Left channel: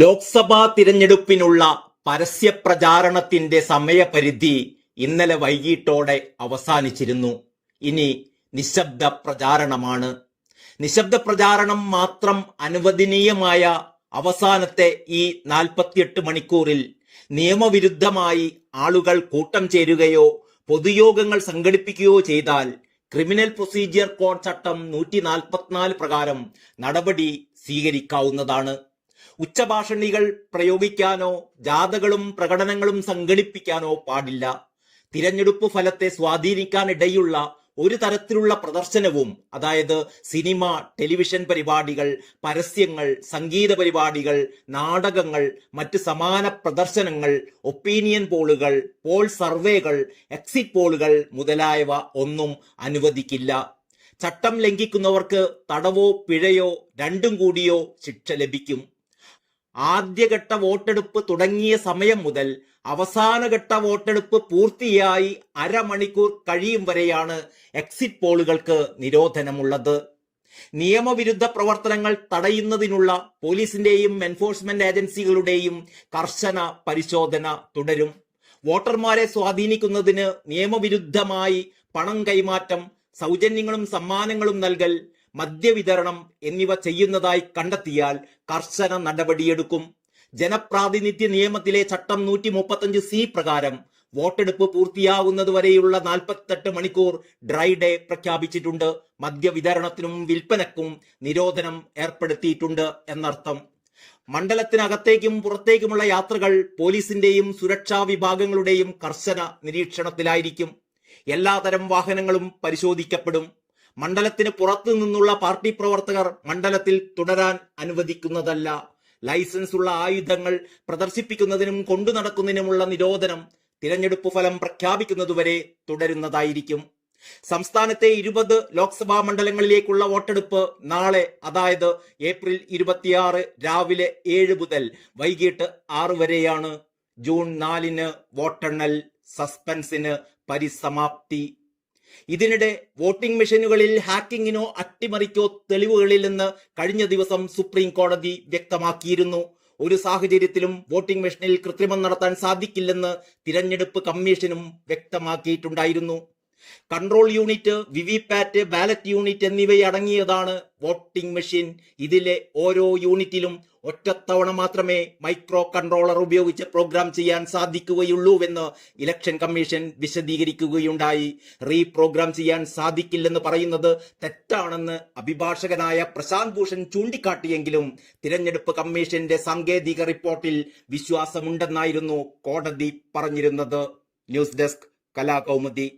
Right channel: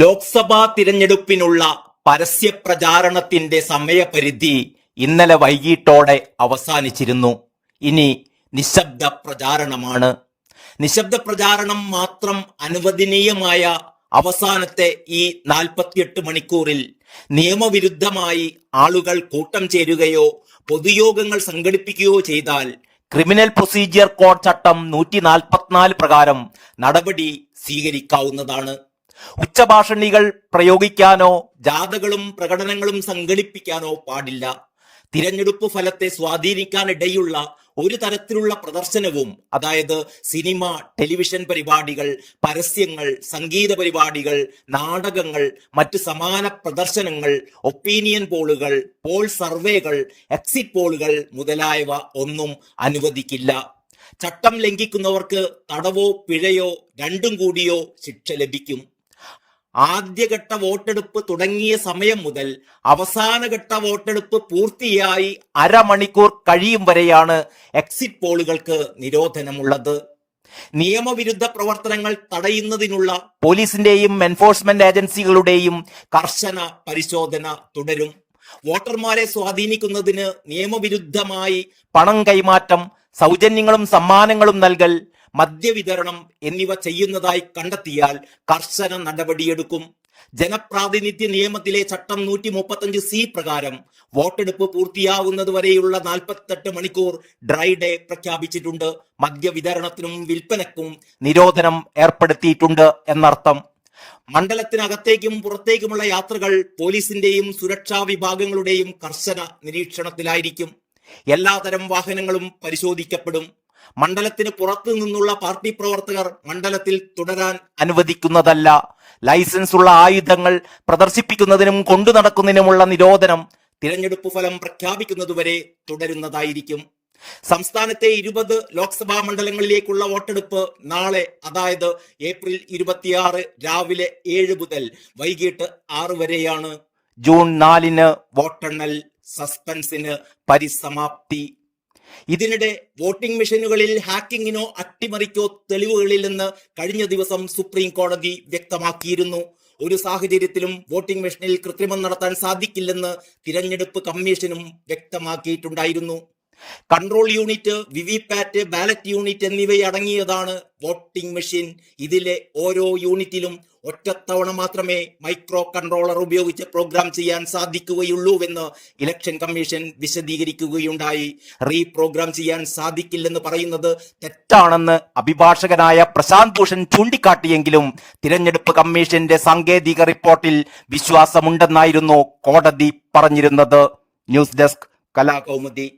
ലോക്സഭാ തിരഞ്ഞെടുപ്പിനുള്ള പരസ്യ പ്രചാരണത്തിന്റെ സമയപരിധി ഇന്നലെ വൈകിട്ടോടെ അവസാനിച്ചിരുന്നു. ഇനി നിശബ്ദ പ്രചാരണമാണ്. നിശബ്ദ പ്രചാരണം മാത്രം അനുവദനീയമായ അവസാനത്തെ ഈ 48 മണിക്കൂറിൽ നിയമവിരുദ്ധമായി ആളുകൾ കൂട്ടം ചേരുകയോ പൊതുയോഗങ്ങൾ സംഘടിപ്പിക്കുകയോ ചെയ്താൽ ക്രിമിനൽ പ്രൊസീജിയർ കോഡ് ചട്ടം 144 പ്രകാരം നടപടി സ്വീകരിക്കാവുന്നതാണ്. ഉച്ചഭാഷണികൾ പ്രയോഗിക്കാനോ ജാഥകളും പ്രകടനങ്ങളും സംഘടിപ്പിക്കാനോ പാടില്ല. തിരഞ്ഞെടുപ്പ് ഫലത്തെ സ്വാധീനിക്കാനിടയുള്ള ഒരു തരത്തിലുള്ള പ്രദർശനവും, അതായത് സിനിമ, ടെലിവിഷൻ പരിപാടികൾ, പരസ്യങ്ങൾ, സംഗീത പരിപാടികൾ, നാടകങ്ങൾ, മറ്റ് സമാന പ്രദർശനങ്ങൾ, ഒപ്പീനിയൻ പോളുകൾ, പോൾ സർവേകൾ, എക്സിറ്റ് പോളുകൾ മുതലായവ ഒന്നും അനുവദിക്കില്ല. ചട്ടം ലംഘിക്കുന്നവർക്ക് തടവോ പിഴയോ രണ്ടും കൂടിയോ ശിക്ഷ ലഭിക്കും. ആദ്യഘട്ട വോട്ടെടുപ്പ് തുടങ്ങിയ സമയം മുതൽ അവസാനഘട്ട വോട്ടെടുപ്പ് പൂർത്തിയായി അരമണിക്കൂർ കഴിയും വരെയാണ് എക്സിറ്റ് പോളുകൾക്ക് നിരോധനമുള്ളത്. നിയമവിരുദ്ധ പ്രവർത്തനങ്ങൾ തടയുന്നതിനുള്ള പോലീസിന്റെയും എൻഫോഴ്സ്മെന്റ് ഏജൻസികളുടെയും കർശന പരിശോധന തുടരും. വോട്ടർമാരെ സ്വാധീനിക്കുന്നതിന് നിയമവിരുദ്ധമായി പണം കൈമാറ്റം, സൗജന്യങ്ങളും സമ്മാനങ്ങളും നൽകൽ, മദ്യവിതരണം എന്നിവ ചെയ്യുന്നതായി കണ്ടെത്തിയാൽ കർശന നടപടിയെടുക്കും. ജനപ്രാതിനിധ്യ നിയമത്തിലെ ചട്ടം 135C പ്രകാരം വോട്ടെടുപ്പ് പൂർത്തിയാവുന്നത് വരെയുള്ള 48 മണിക്കൂർ ഡ്രൈ ഡേ പ്രഖ്യാപിച്ചിട്ടുണ്ട്. മദ്യവിതരണത്തിനും വിൽപ്പനക്കും നിരോധനം ഏർപ്പെടുത്തിയിട്ടുണ്ട് എന്നർത്ഥം. മണ്ഡലത്തിനകത്തേക്കും പുറത്തേക്കുമുള്ള യാത്രകൾ പോലീസിന്റെയും സുരക്ഷാ വിഭാഗങ്ങളുടെയും കർശന നിരീക്ഷണത്തിലായിരിക്കും. എല്ലാതരം വാഹനങ്ങളും പരിശോധിക്കപ്പെടും. മണ്ഡലത്തിന് പുറത്തു നിന്നുള്ള പാർട്ടി പ്രവർത്തകർ മണ്ഡലത്തിൽ തുടരാൻ അനുവദിക്കുന്നതല്ല. ലൈസൻസ് ഉള്ള ആയുധങ്ങൾ പ്രദർശിപ്പിക്കുന്നതിനും കൊണ്ടു നടക്കുന്നതിനുമുള്ള നിരോധനം തിരഞ്ഞെടുപ്പ് ഫലം പ്രഖ്യാപിക്കുന്നതുവരെ തുടരുന്നതായിരിക്കും. സംസ്ഥാനത്തെ 20 ലോക്സഭാ മണ്ഡലങ്ങളിലേക്കുള്ള വോട്ടെടുപ്പ് നാളെ, അതായത് ഏപ്രിൽ 26 രാവിലെ 7 മുതൽ വൈകിട്ട് 6 വരെയാണ്. ജൂൺ 4 വോട്ടെണ്ണൽ. സസ്പെൻസിന് പരിസമാപ്തി. ഇതിനിടെ വോട്ടിംഗ് മെഷീനുകളിൽ ഹാക്കിങ്ങിനോ അട്ടിമറിക്കോ തെളിവുകളില്ലെന്ന് കഴിഞ്ഞ ദിവസം സുപ്രീം കോടതി വ്യക്തമാക്കിയിരുന്നു. ഒരു സാഹചര്യത്തിലും വോട്ടിംഗ് മെഷീനിൽ കൃത്രിമം നടത്താൻ സാധിക്കില്ലെന്ന് തിരഞ്ഞെടുപ്പ് കമ്മീഷനും വ്യക്തമാക്കിയിട്ടുണ്ടായിരുന്നു. Control unit, VVPAT, ballot unit എന്നിവയടങ്ങിയതാണ് വോട്ടിംഗ് മെഷീൻ. ഇതിലെ ഓരോ യൂണിറ്റിലും ഒറ്റത്തവണ മാത്രമേ മൈക്രോ കൺട്രോളർ ഉപയോഗിച്ച് പ്രോഗ്രാം ചെയ്യാൻ സാധിക്കുകയുള്ളൂവെന്ന് ഇലക്ഷൻ കമ്മീഷൻ വിശദീകരിക്കുകയുണ്ടായി. റീപ്രോഗ്രാം ചെയ്യാൻ സാധിക്കില്ലെന്ന് പറയുന്നത് തെറ്റാണെന്ന് അഭിഭാഷകനായ പ്രശാന്ത് ഭൂഷൺ ചൂണ്ടിക്കാട്ടിയെങ്കിലും തിരഞ്ഞെടുപ്പ് കമ്മീഷന്റെ സാങ്കേതിക റിപ്പോർട്ടിൽ വിശ്വാസമുണ്ടെന്നായിരുന്നു കോടതി പറഞ്ഞിരുന്നത്. News desk, Kalakaumudi.